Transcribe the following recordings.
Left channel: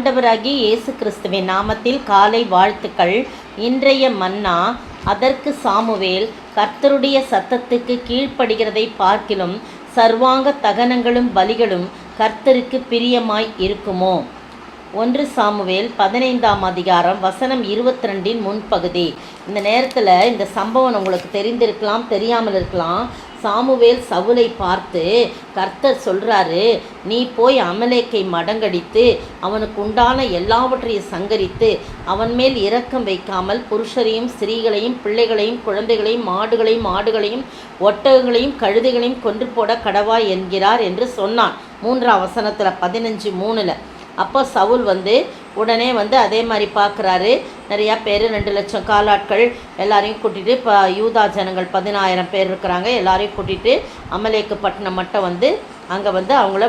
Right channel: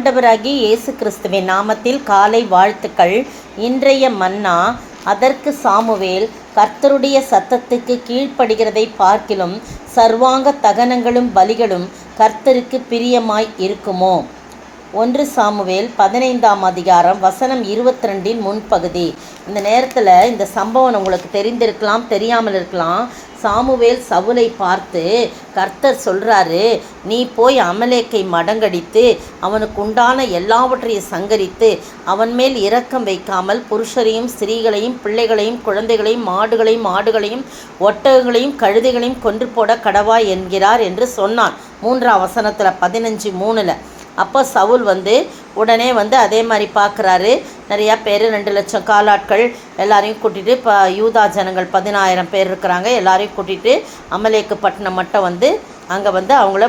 ஆண்டவராகிய இயேசு கிறிஸ்துவின் நாமத்தில் காலை வாழ்த்துக்கள். இன்றைய மன்னா, அதற்கு சாமுவேல், கர்த்தருடைய சத்தத்துக்கு கீழ்ப்படுகிறதை பார்க்கிலும் சர்வாங்க தகனங்களும் பலிகளும் கர்த்தருக்கு பிரியமாய் இருக்குமோ? 1 சாமுவேல் 15ஆம் அதிகாரம் வசனம் 22 முன்பகுதி. இந்த நேரத்தில் இந்த சம்பவம் உங்களுக்கு தெரிந்திருக்கலாம், தெரியாமல் இருக்கலாம். சாமுவேல் சவுலை பார்த்து கர்த்தர் சொல்கிறாரு, நீ போய் அமலேக்கை மடங்கடித்து அவனுக்கு உண்டான எல்லாவற்றையும் சங்கரித்து அவன் மேல் இரக்கம் வைக்காமல் புருஷரையும் ஸ்திரீகளையும் பிள்ளைகளையும் குழந்தைகளையும் மாடுகளையும் ஆடுகளையும் ஒட்டகங்களையும் கழுதைகளையும் கொன்று போட கடவாய் என்கிறார் என்று சொன்னான். 3ஆம் வசனத்தில் 15:3. அப்போ சவுல் உடனே அதே மாதிரி பார்க்குறாரு. நிறையா பேர் 2 லட்சம் காலாட்கள் எல்லாரையும் கூட்டிகிட்டு, இப்போ யூதா ஜனங்கள் 10,000 பேர் இருக்கிறாங்க. எல்லாரையும் கூட்டிகிட்டு அமலேக்கு பட்டணம் மட்டும் அங்கே அவங்கள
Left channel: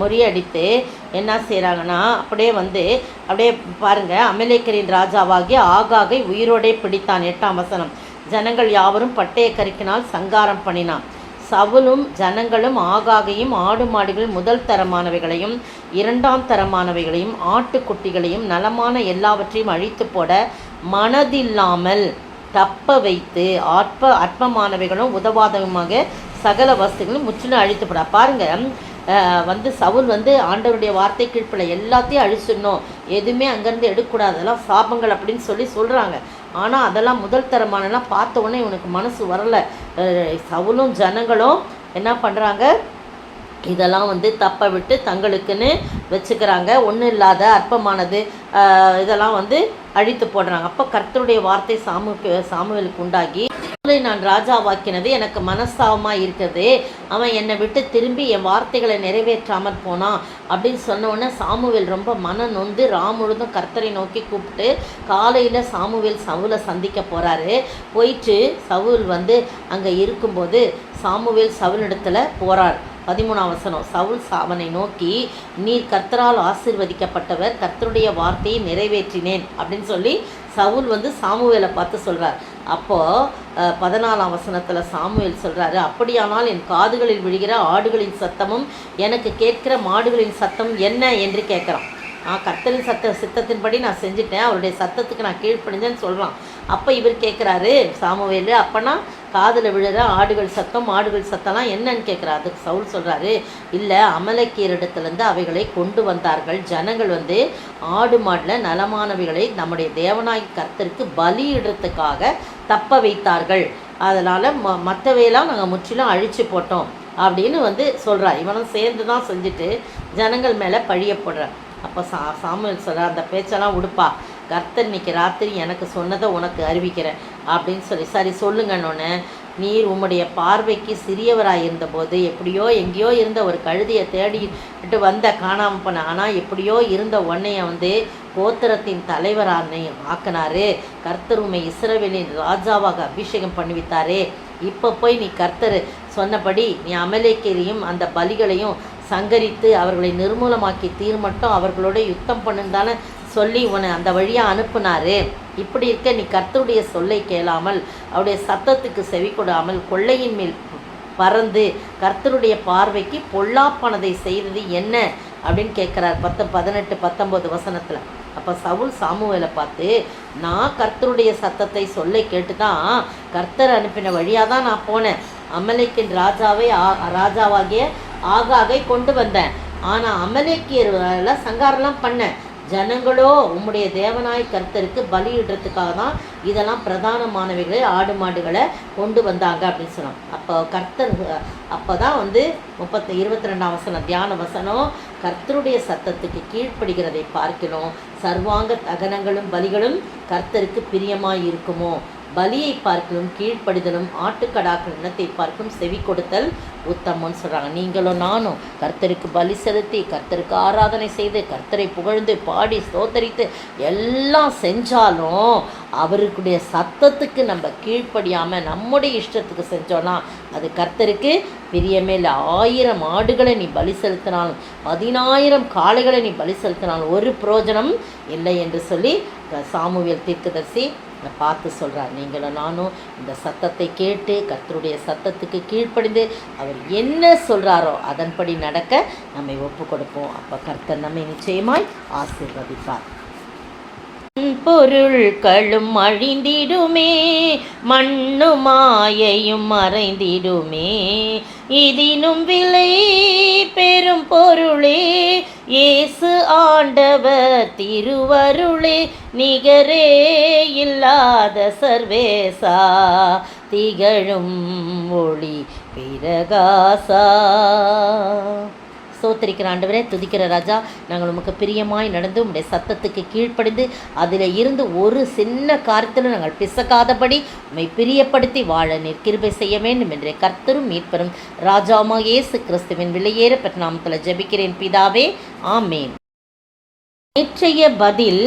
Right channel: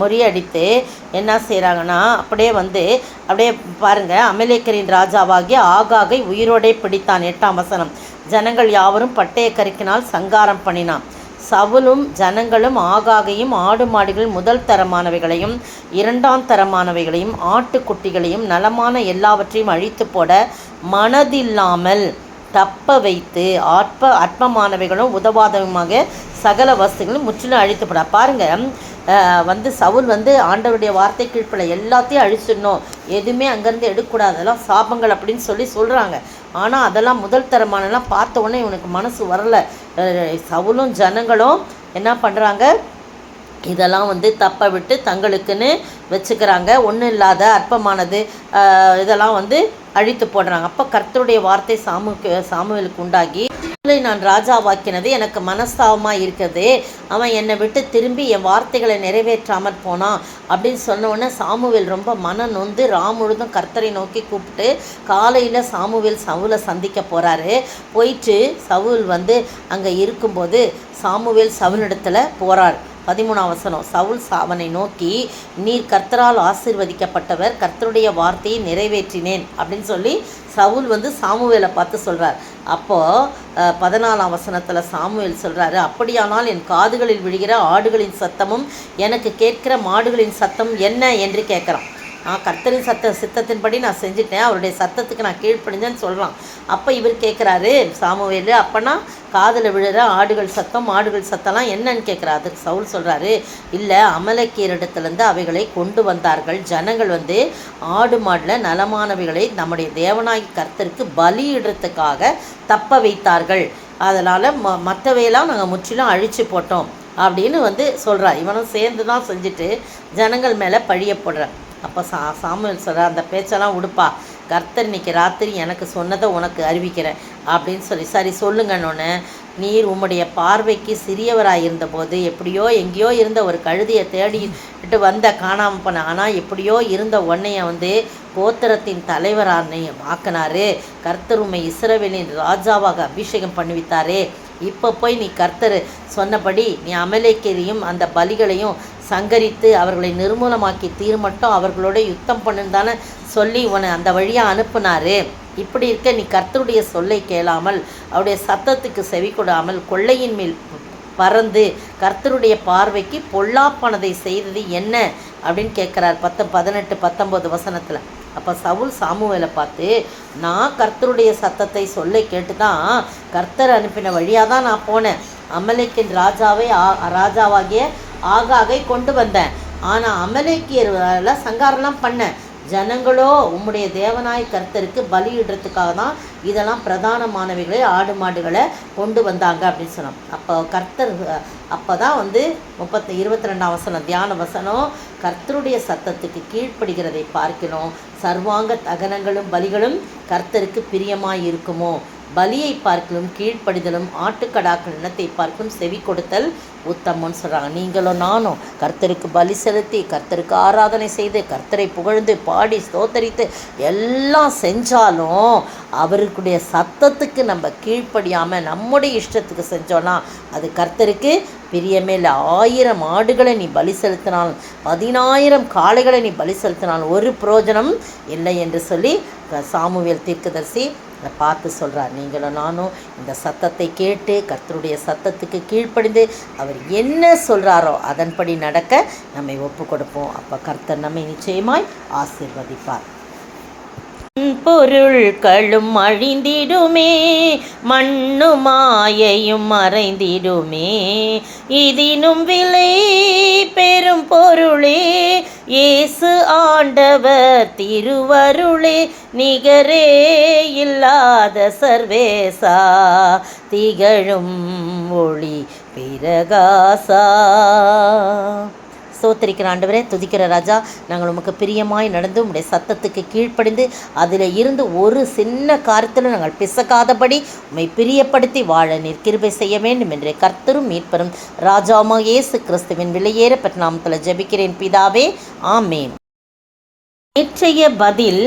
முறியடித்து என்ன செய்கிறாங்கன்னா, அப்படியே பாருங்கள், அமலேக்கரின் ராஜாவாகிய ஆகாகை உயிரோடே பிடித்தான். 8ஆம் வசனம். ஜனங்கள் யாவரும் பட்டய கருக்கினால் சங்காரம் பண்ணினான். சவுலும் ஜனங்களும் ஆகாகையும் ஆடு மாடுகள் முதல் தரமானவைகளையும் 2ஆம் தரமானவைகளையும் ஆட்டுக்குட்டிகளையும் நலமான எல்லாவற்றையும் அழித்து போட மனதில்லாமல் தப்ப வைத்து அற்பமானவைகளும் உதவாதமாக சகல வஸ்துகளும் முற்றிலும் அழித்து போட. பாருங்கள், சவுல் ஆண்டவருடைய வார்த்தை கீழ்ப்பட எல்லாத்தையும் அழிச்சிடணும், எதுவுமே அங்கேருந்து எடுக்கக்கூடாது, அதெல்லாம் சாபங்கள் அப்படின்னு சொல்கிறாங்க. ஆனால் அதெல்லாம் முதல் தரமானலாம் பார்த்த உடனே இவனுக்கு மனசு வரலை. சவுலும் ஜனங்களும் என்ன பண்ணுறாங்க, இதெல்லாம் தப்ப விட்டு தங்களுக்குன்னு வச்சுக்கிறாங்க. ஒன்றும் இல்லாத அற்பமானது இதெல்லாம் அழித்து போடுறாங்க. அப்போ கர்த்தருடைய வார்த்தை சாமுவேலுக்கு உண்டாகி, நான் ராஜாவாக்கினது எனக்கு மனஸ்தாபமாக இருக்குது, அவன் என்னை விட்டு திரும்பி என் வார்த்தைகளை நிறைவேற்றாமல் போனான் அப்படின்னு சொன்னோன்னே சாமுவேல் ரொம்ப மனம் நொந்து முழுதும் கர்த்தரை நோக்கி கூப்பிட்டு காலையில் சாமுவேல் சவுலை சந்திக்க போகிறாரு. போயிட்டு சவுல் அங்கே இருக்கும்போது சாமுவேல் சவுலிடத்தில் போகிறார். 13ஆம் வசனம். சவுல் அவனை நோக்கி, நீர் கர்த்தரால் ஆசீர்வதிக்கப்பட்டவர், கர்த்தருடைய வார்த்தையை நிறைவேற்றினேன் அப்படின்னு சொல்லி சவுல் சாமுவேலை பார்த்து சொல்கிறார். அப்போது 14ஆம் வசனத்தில் சாமுவேல் சொல்கிறாரு, அப்படியானால் என் காதுகளில் விழுகிற ஆடுகளின் சத்தமும் எனக்கு கேட்கிற மாடுகளின் சத்தம் என்ன என்று கேட்குறான். கர்த்தரின் சித்தத்தின்படி நான் செஞ்சுட்டேன், அவருடைய சத்தத்துக்கு நான் கீழ்ப்படிஞ்சேன்னு சொல்கிறான். அப்போ இவர் கேட்குறாரு சாமுவேல், அப்போனா காதில் விழுற ஆடுகள் சத்தம் மாடுகள் சத்தம்லாம் என்னன்னு கேட்குறா. அதுக்கு சவுல் சொல்கிறாரு, இல்லை, அமலேக்கியரிடத்துலேருந்து அவைகளை கொண்டு வந்தார்கள். ஜனங்கள் ஆடு மாடில் நலமானவைகளை நம்முடைய தேவனாய் கர்த்தருக்கு பலியிடுறதுக்காக தப்ப வைத்தார்கள், அதனால் மற்றவையெல்லாம் நாங்கள் முற்றிலும் அழித்து போட்டோம் அப்படின்னு சொல்கிறா. இவனும் சேர்ந்து தான் செஞ்சுட்டு ஜனங்கள் மேலே பழிய போடுறான். அப்போ சாமுவேல் சொல்கிறார், அந்த பேச்செல்லாம் உடுப்பா, கர்த்தர் இன்னைக்கு ராத்திரி எனக்கு சொன்னதை உனக்கு அறிவிக்கிறேன் அப்படின்னு சரி சொல்லுங்கன்னு, நீர் உம்முடைய பார்வைக்கு சிறியவராக இருந்தபோது எப்படியோ எங்கேயோ இருந்த ஒரு கழுதையை தேடிட்டு காணாமல் பண்ண, ஆனால் எப்படியோ இருந்த உன்னைய கோத்திரத்தின் தலைவரான ஆக்கினாரு. கர்த்தர் உம்மை இஸ்ரவேலின் ராஜாவாக அபிஷேகம் பண்ணிவித்தாரே. இப்போ போய் நீ கர்த்தர் சொன்னபடி நீ அமலேக்கையும் அந்த பலிகளையும் சங்கரித்து அவர்களை நிர்மூலமாக்கி தீர்மட்டும் அவர்களோட யுத்தம் பண்ணுன்னு சொல்லி உன்னை அந்த வழியாக அனுப்புனாரு. இப்படி இருக்க நீ கர்த்தருடைய சொல்லை கேளாமல் அவருடைய சத்தத்துக்கு செவி கொடாமல் கொள்ளையின் மேல் பறந்து கர்த்தருடைய பார்வைக்கு பொல்லாப்பானதை செய்தது என்ன அப்படின்னு கேட்குறார். 18, 19 வசனத்தில். அப்போ சவுல் சாமுவேலை பார்த்து, நான் கர்த்தருடைய சத்தத்தை சொல்லை கேட்டு தான் கர்த்தர் அனுப்பின வழியாக தான் நான் போனேன், அமலேக்கின் ராஜாவாகிய ஆகாகை கொண்டு வந்தேன், ஆனால் அமலேக்கியர்ல சங்காரெல்லாம் பண்ணேன், ஜனங்களோ உம்முடைய தேவனாய் கர்த்தருக்கு பலியிடுறதுக்காக தான் இதெல்லாம் பிரதானமானவைகளை ஆடு மாடுகளை கொண்டு வந்தாங்க அப்படின்னு சொன்னோம். அப்போ கர்த்தர் அப்போ தான் 22ஆம் வசனம் தியான வசனம், கர்த்தருடைய சத்தத்துக்கு கீழ்ப்படுகிறதை பார்க்கணும், சர்வாங்க தகனங்களும் பலிகளும் கர்த்தருக்கு பிரியமாய் இருக்குமோ? பலியை பார்க்கலும் கீழ்ப்படிதலும் ஆட்டுக்கடாக்கள் இனத்தை பார்க்கும் செவி கொடுத்தல் உத்தமம்னு சொல்கிறாங்க. நீங்களும் நானும் கர்த்தருக்கு பலி செலுத்தி கர்த்தருக்கு ஆராதனை செய்து கர்த்தரை புகழ்ந்து பாடி ஸ்தோத்தரித்து எல்லாம் செஞ்சாலும் அவருக்குடைய சத்தத்துக்கு நம்ம கீழ்ப்படியாமல் நம்முடைய இஷ்டத்துக்கு செஞ்சோன்னா அது கர்த்தருக்கு பிரியமே இல்லை. 1000 ஆடுகளை நீ பலி செலுத்தினாலும் 10000 காளைகளை நீ பலி செலுத்தினாலும் ஒரு பிரயோஜனம் இல்லை என்று சொல்லி சாமுவேல் தீர்க்கதரிசி பார்த்து சொல்கிறார். நீங்களும் நானும் இந்த சத்தத்தை கேட்டு கர்த்தருடைய சத்தத்துக்கு கீழ்ப்படிந்து அவர் என்ன சொல்கிறாரோ அதன்படி நடக்க நம்மை ஒப்பு கொடுப்போம். அப்போ கர்த்தர் நம்மை நிச்சயமாய் ஆசீர்வதிப்பார். பொருள்களும் அழிந்திடுமே, மண்ணு மாயையும் மறைந்திடுமே, இதினும் விலை பெரும் பொருளே இயேசு ஆண்டவர் திருவருளே, நிகரே இல்லாத சர்வேசா திகழும் ஒளி பிரகாசா. ஸ்தோத்திரிக்கிற ஆண்டவரே, துதிக்கிற ராஜா, நாங்கள் உமக்கு பிரியமாய் நடந்து உம்முடைய சத்தத்துக்கு கீழ்ப்படிந்து அதில் இருந்து ஒரு சின்ன காரியத்தில் நாங்கள் பிசக்காதபடி உம்மை பிரியப்படுத்தி வாழ நீர் கிருபை செய்ய வேண்டும் என்று கர்த்தரும் மீட்பரும் ராஜாவாகிய இயேசு கிறிஸ்துவின் விலையேற பெற்ற நாமத்தில் ஜெபிக்கிறேன் பிதாவே, ஆமேன். நேற்றைய பதில்,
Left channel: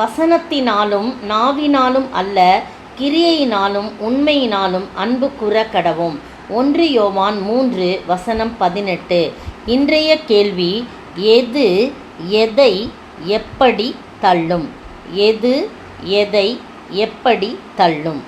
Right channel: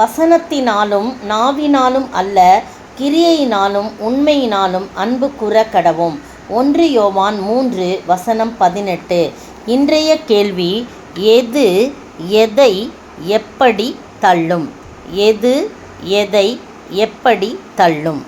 வசனத்தினாலும் நாவினாலும் அல்ல, கிரியையினாலும் உண்மையினாலும் அன்பு கூற கடவோம். 1 யோவான் 3:18. இன்றைய கேள்வி, எது எதை எப்படி தள்ளும்? எது எதை எப்படி தள்ளும்?